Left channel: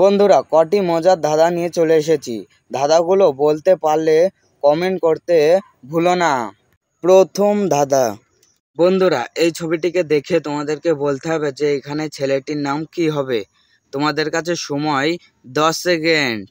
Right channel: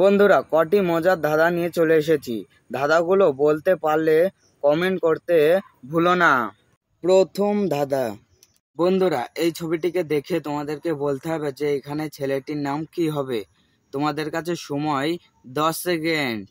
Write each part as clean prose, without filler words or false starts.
বন্ধুরা, কটি মজার ধাঁধা নিয়ে চলে এসেছি। ধাঁধাগুলো বলতে পারলে কমেন্ট করতে ভুলো না। প্রথম ধাঁধা। বন্ধুরা, এই ছবিটিকে দেখে তোমাদেরকে বলতে হবে যে এখানে ছেলেটির নাম কি হবে। তোমাদের কাছে সময় 10 সেকেন্ড।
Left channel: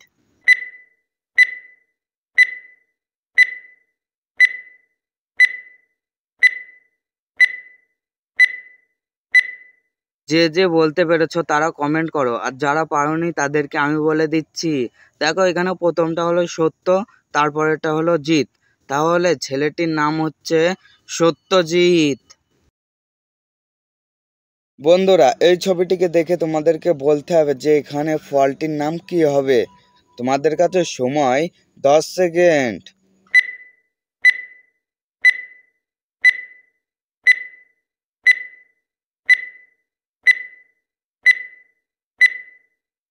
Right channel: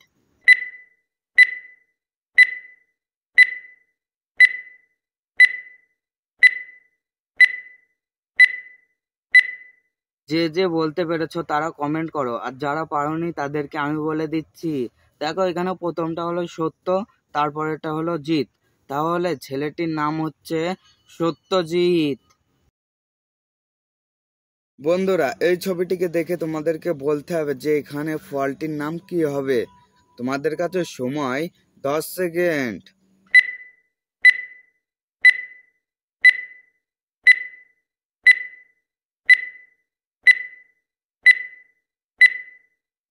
যে যে বলতে পেরেছো তারা কমেন্ট করো, আর যারা পারোনি তাদেরকে আমি বলে দিচ্ছি। দেখো, এখানে প্রথমটা হলো সত্য, তারপরেরটা হলো জিৎ। তাহলে ছেলেটির নাম হচ্ছে সত্যজিৎ। বন্ধুরা, এই ছবিটিকে দেখে তোমাদেরকে বলতে হবে যে এখানে ফলটির নাম কি হবে। তোমাদের কাছে সময় 10 সেকেন্ড।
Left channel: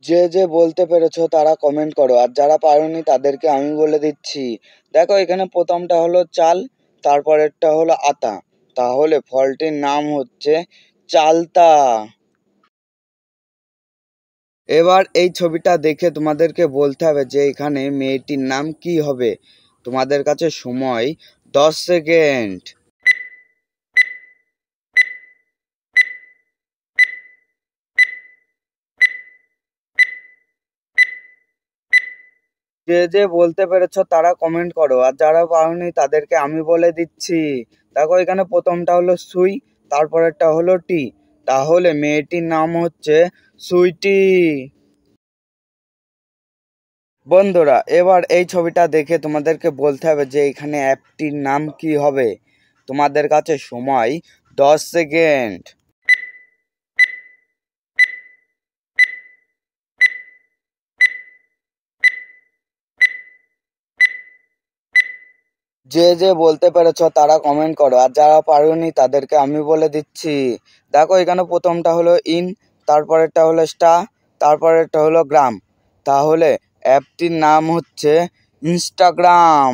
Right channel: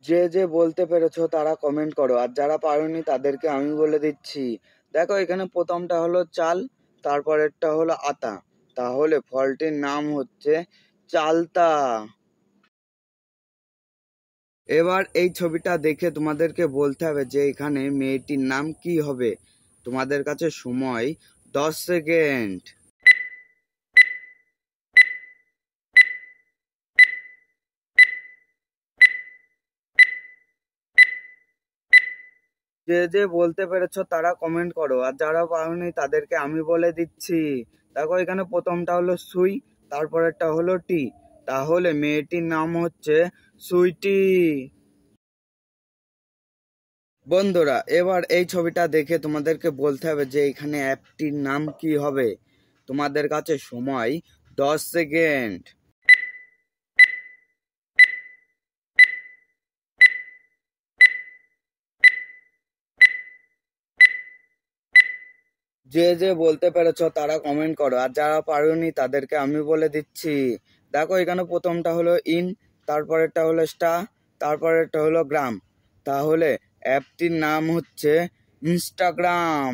যে যে বলতে পেরেছো তারা কমেন্ট করো, আর যারা পারোনি তাদেরকে আমি বলে দিচ্ছি। দেখো, এখানে প্রথমটা হলো চাল, তারপরেরটা হলো আতা। তাহলে ফলটির নাম হচ্ছে চালতা। এবার এই ছবিটা দেখে তোমাদেরকে বলতে হবে যে এখানে মেয়েটির নাম কি হবে। তোমাদের কাছে সময় 10 সেকেন্ড। যে যে বলতে পেরেছো তারা কমেন্ট করো, আর যারা পারোনি তাদেরকে আমি বলে দিচ্ছি। দেখো, এখানে প্রথমটা হলো সুই, তারপরেরটা হলো টি। তাহলে মেয়েটির নাম হচ্ছে সুইটি। বন্ধুরা, এবার এই ছবিটা দেখে তোমাদেরকে বলতে হবে যে এখানে অ্যাপটির নাম কি হবে। তোমাদের কাছে সময় 10 সেকেন্ড। যে যে বলতে পেরেছো তারা কমেন্ট করো, আর যারা পারোনি তাদেরকে আমি বলে দিচ্ছি। দেখো, এখানে প্রথমটা হলো ইন, তারপরেরটা হলো স্টার, তারপরেরটা হলো গ্রাম। তাহলে অ্যাপটির নাম হচ্ছে ইনস্টাগ্রাম।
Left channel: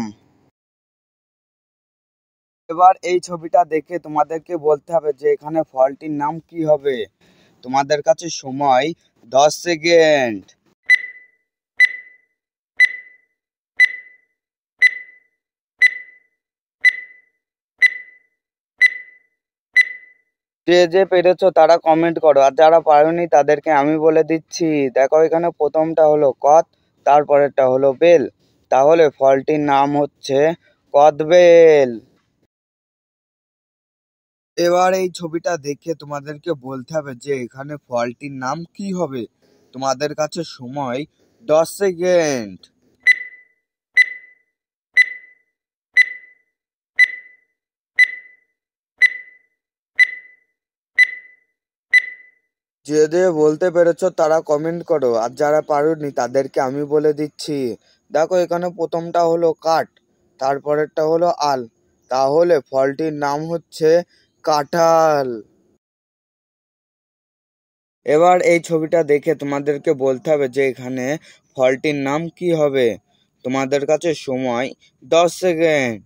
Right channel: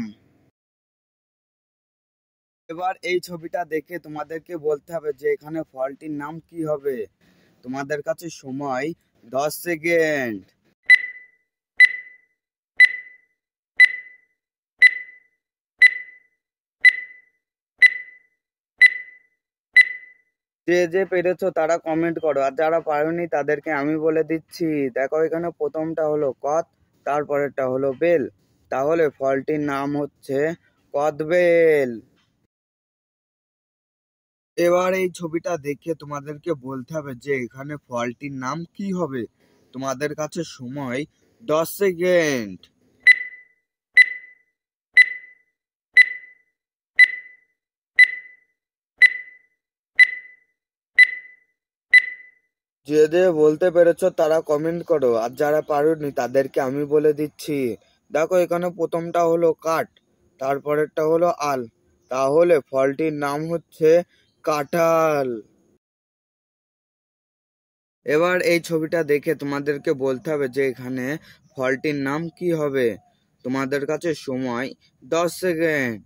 এবার এই ছবিটা দেখে তোমাদেরকে বলতে হবে যে এখানে ফলটির নাম কি হবে। তোমাদের কাছে সময় 10 সেকেন্ড। যে যে পেরেছো তারা কমেন্ট করো, আর যারা পারোনি তাদেরকে আমি বলে দিচ্ছি। দেখো, এখানে প্রথমটা হলো কদ, তারপরেরটা হলো বেল। তাহলে ফলটির নাম হচ্ছে কদবেল। এবার এই ছবিটা দেখে তোমাদেরকে বলতে হবে যে এখানে ফলটির নাম কি হবে। তোমাদের কাছে সময় 10 সেকেন্ড। যে যে বলতে পেরেছো তারা কমেন্ট করো, আর যারা পারোনি তাদেরকে আমি বলে দিচ্ছি। দেখো, এখানে প্রথমটা হলো কাঠ, তারপরেরটা হলো আল। তাহলে ফলটির নাম হচ্ছে কাঁঠাল। এবার এই ছবিটা দেখে তোমাদেরকে বলতে হবে যে এখানে ফলটির নাম কি হবে। তোমাদের কাছে সময় 10 সেকেন্ড।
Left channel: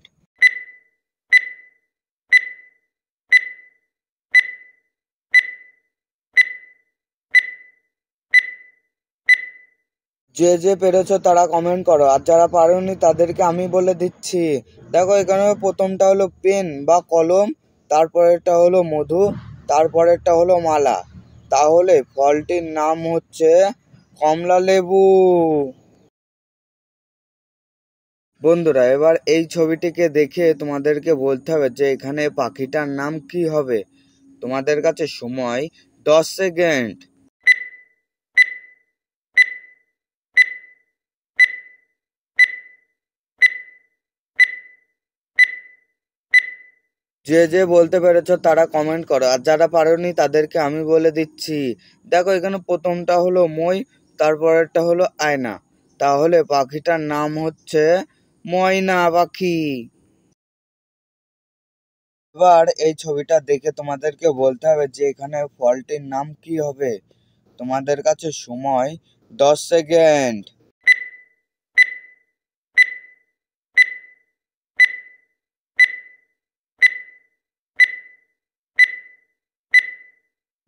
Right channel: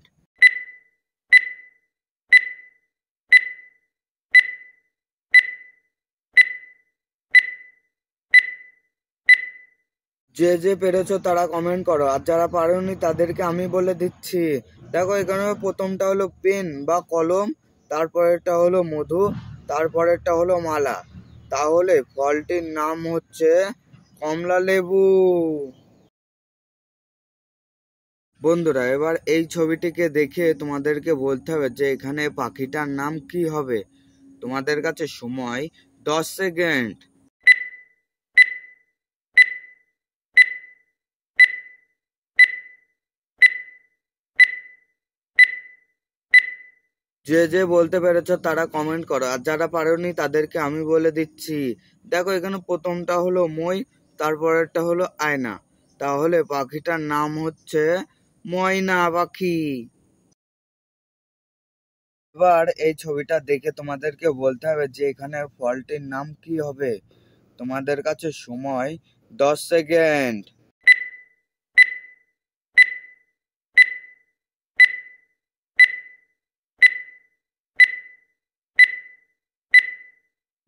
যে যে পেরেছো তারা কমেন্ট করো, আর যারা পারোনি তাদেরকে আমি বলে দিচ্ছি। দেখো, এখানে প্রথমটা হলো পেন বা কলম, তারপরেরটা হলো মধু, তারপরেরটা হলো মালা। তাহলে ফলটির নাম হচ্ছে কমলা লেবু। বন্ধুরা, এবার এই ছবিটিকে দেখে তোমাদেরকে বলতে হবে যে এখানে পাখিটার নাম কি হবে। তোমাদের কাছে সময় 10 সেকেন্ড। যে যে বলতে পেরেছো তারা কমেন্ট করো, আর যারা পারোনি তাদেরকে আমি বলে দিচ্ছি। দেখো, এখানে প্রথমটা হলো মই, তারপরেরটা হলো আয়না। তাহলে পাখিটার নাম হচ্ছে ময়না পাখি। এবার এই ছবিটা দেখে তোমাদেরকে বলতে হবে যে এখানে ফলটির নাম কি হবে। তোমাদের কাছে সময় 10 সেকেন্ড।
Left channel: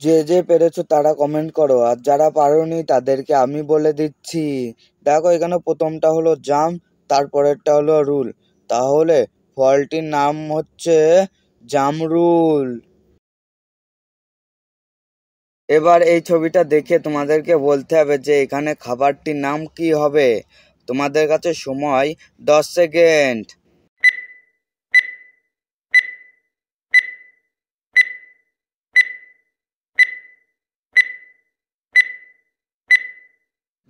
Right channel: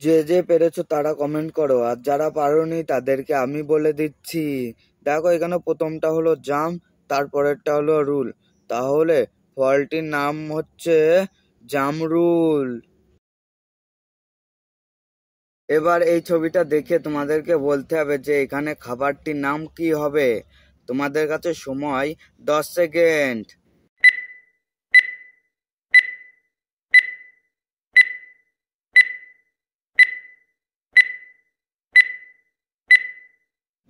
যে যে পেরেছো তারা কমেন্ট করো, আর যারা পারোনি তাদেরকে আমি বলে দিচ্ছি। দেখো এখানে প্রথমটা হলো জাম, তারপরেরটা হলো রুল, তাহলে ফলটির নাম হচ্ছে জামরুল। এবার এই ছবিটা দেখে তোমাদেরকে বলতে হবে যে এখানে খাবারটির নাম কি হবে। তোমাদের কাছে সময় 10 সেকেন্ড।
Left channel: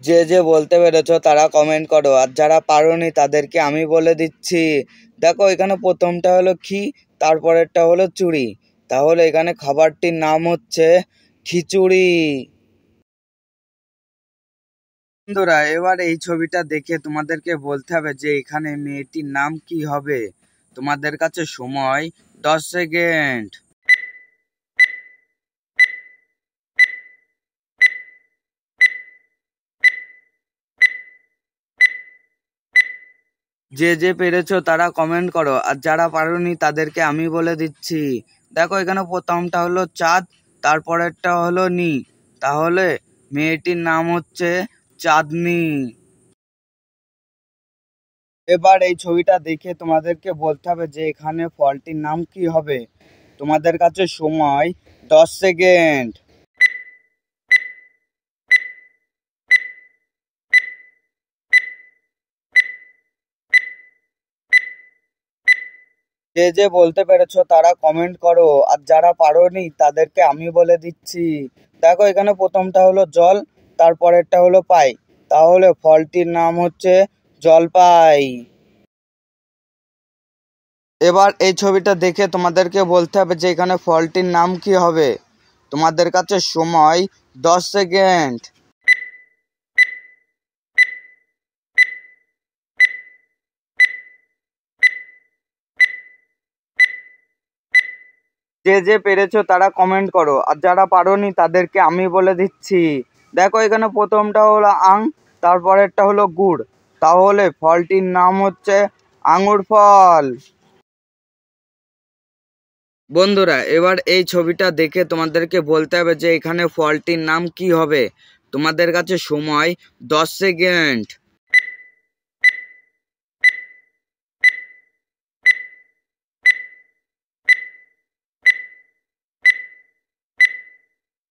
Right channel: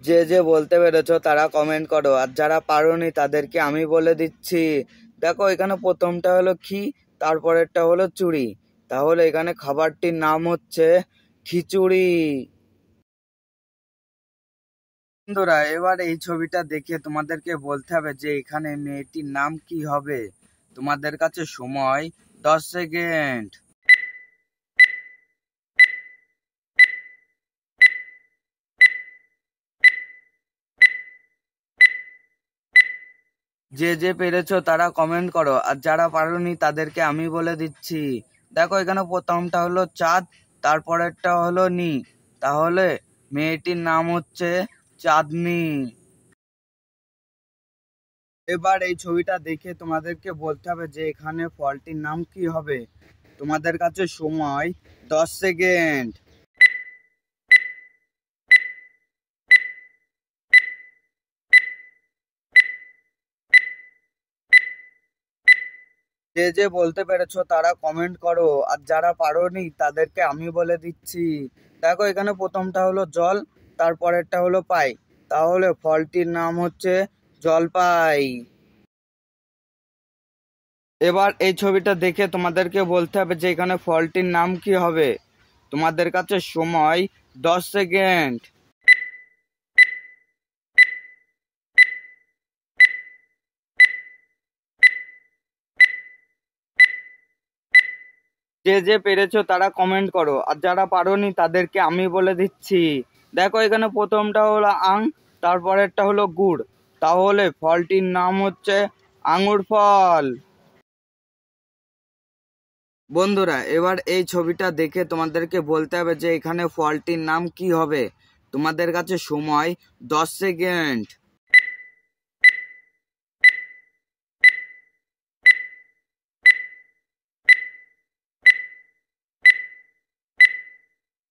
যে যে বলতে পেরেছো তারা কমেন্ট করো, আর যারা পারোনি তাদেরকে আমি বলে দিচ্ছি। দেখো এখানে প্রথমটা হলো খি, তারপরেরটা হলো চুড়ি, তাহলে এখানে খাবারটির নাম হচ্ছে খিচুড়ি। বন্ধুরা এবার এই ছবিটা দেখে তোমাদেরকে বলতে হবে যে এখানে মেয়েটির নাম কি হবে। তোমাদের কাছে সময় 10 সেকেন্ড। যে যে পেরেছো তারা কমেন্ট করো, আর যারা পারোনি তাদেরকে আমি বলে দিচ্ছি। দেখো এখানে প্রথমটা হলো চাঁদ, তারপরেরটা হলো নি, তাহলে মেয়েটির নাম হচ্ছে চাঁদনি। এবার এই ছবিটা দেখে তোমাদেরকে বলতে হবে যে এখানে ফলটির নাম কি হবে। তোমাদের কাছে সময় 10 সেকেন্ড। যে যে বলতে পেরেছো তারা কমেন্ট করো, আর যারা পারোনি তাদেরকে আমি বলে দিচ্ছি। দেখো এখানে প্রথমটা হলো জল, তারপরেরটা হলো পাই, তাহলে ফলটির নাম হচ্ছে জলপাই। এবার এই ছবিটা দেখে তোমাদেরকে বলতে হবে যে এখানে ফলটির নাম কি হবে। তোমাদের কাছে সময় 10 সেকেন্ড। যে যে পেরেছো তারা কমেন্ট করো, আর যারা পারোনি তাদেরকে আমি বলে দিচ্ছি। দেখো এখানে প্রথমটা হলো আং, তারপরেরটা হলো গুড়, তাহলে ফলটির নাম হচ্ছে আঙুর ফল। বন্ধুরা এবার এই ছবিটা দেখে তোমাদেরকে বলতে হবে যে এখানে ফলটির নাম কি হবে। তোমাদের কাছে সময় 10 সেকেন্ড।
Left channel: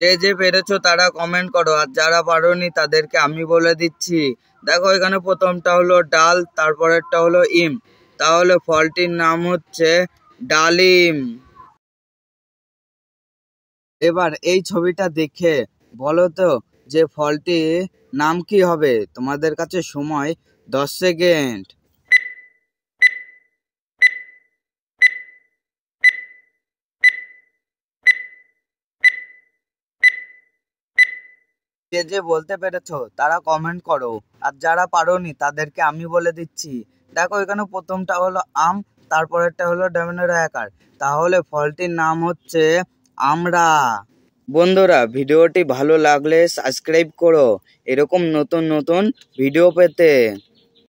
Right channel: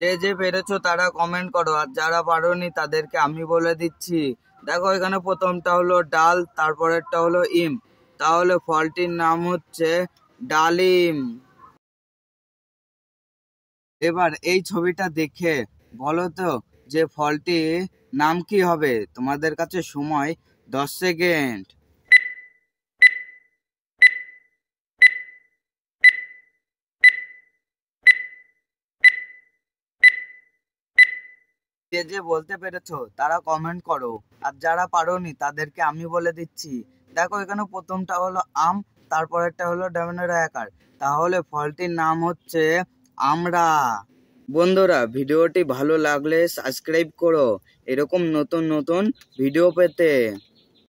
যে যে পেরেছো তারা কমেন্ট করো, আর যারা পারোনি তাদেরকে আমি বলে দিচ্ছি। দেখো এখানে প্রথমটা হলো ডাল, তারপরেরটা হলো ইম, তাহলে ফলটির নাম হচ্ছে ডালিম। এবার এই ছবিটা দেখে বলো তো যে ফলটির নাম কি হবে। তোমাদের কাছে সময় 10 সেকেন্ড। যে যে বলতে পেরেছো তারা কমেন্ট করো, আর যারা পারোনি তাদেরকে আমি বলে দিচ্ছি। দেখো এখানে প্রথমটা হলো আম, তারপরেরটা হলো ডমিনোর আকার, তাহলে ফলটির নাম হচ্ছে আমড়া। বন্ধুরা ভিডিওটি ভালো লাগলে সাবস্ক্রাইব করো এরকম নতুন নতুন ভিডিও পেতে।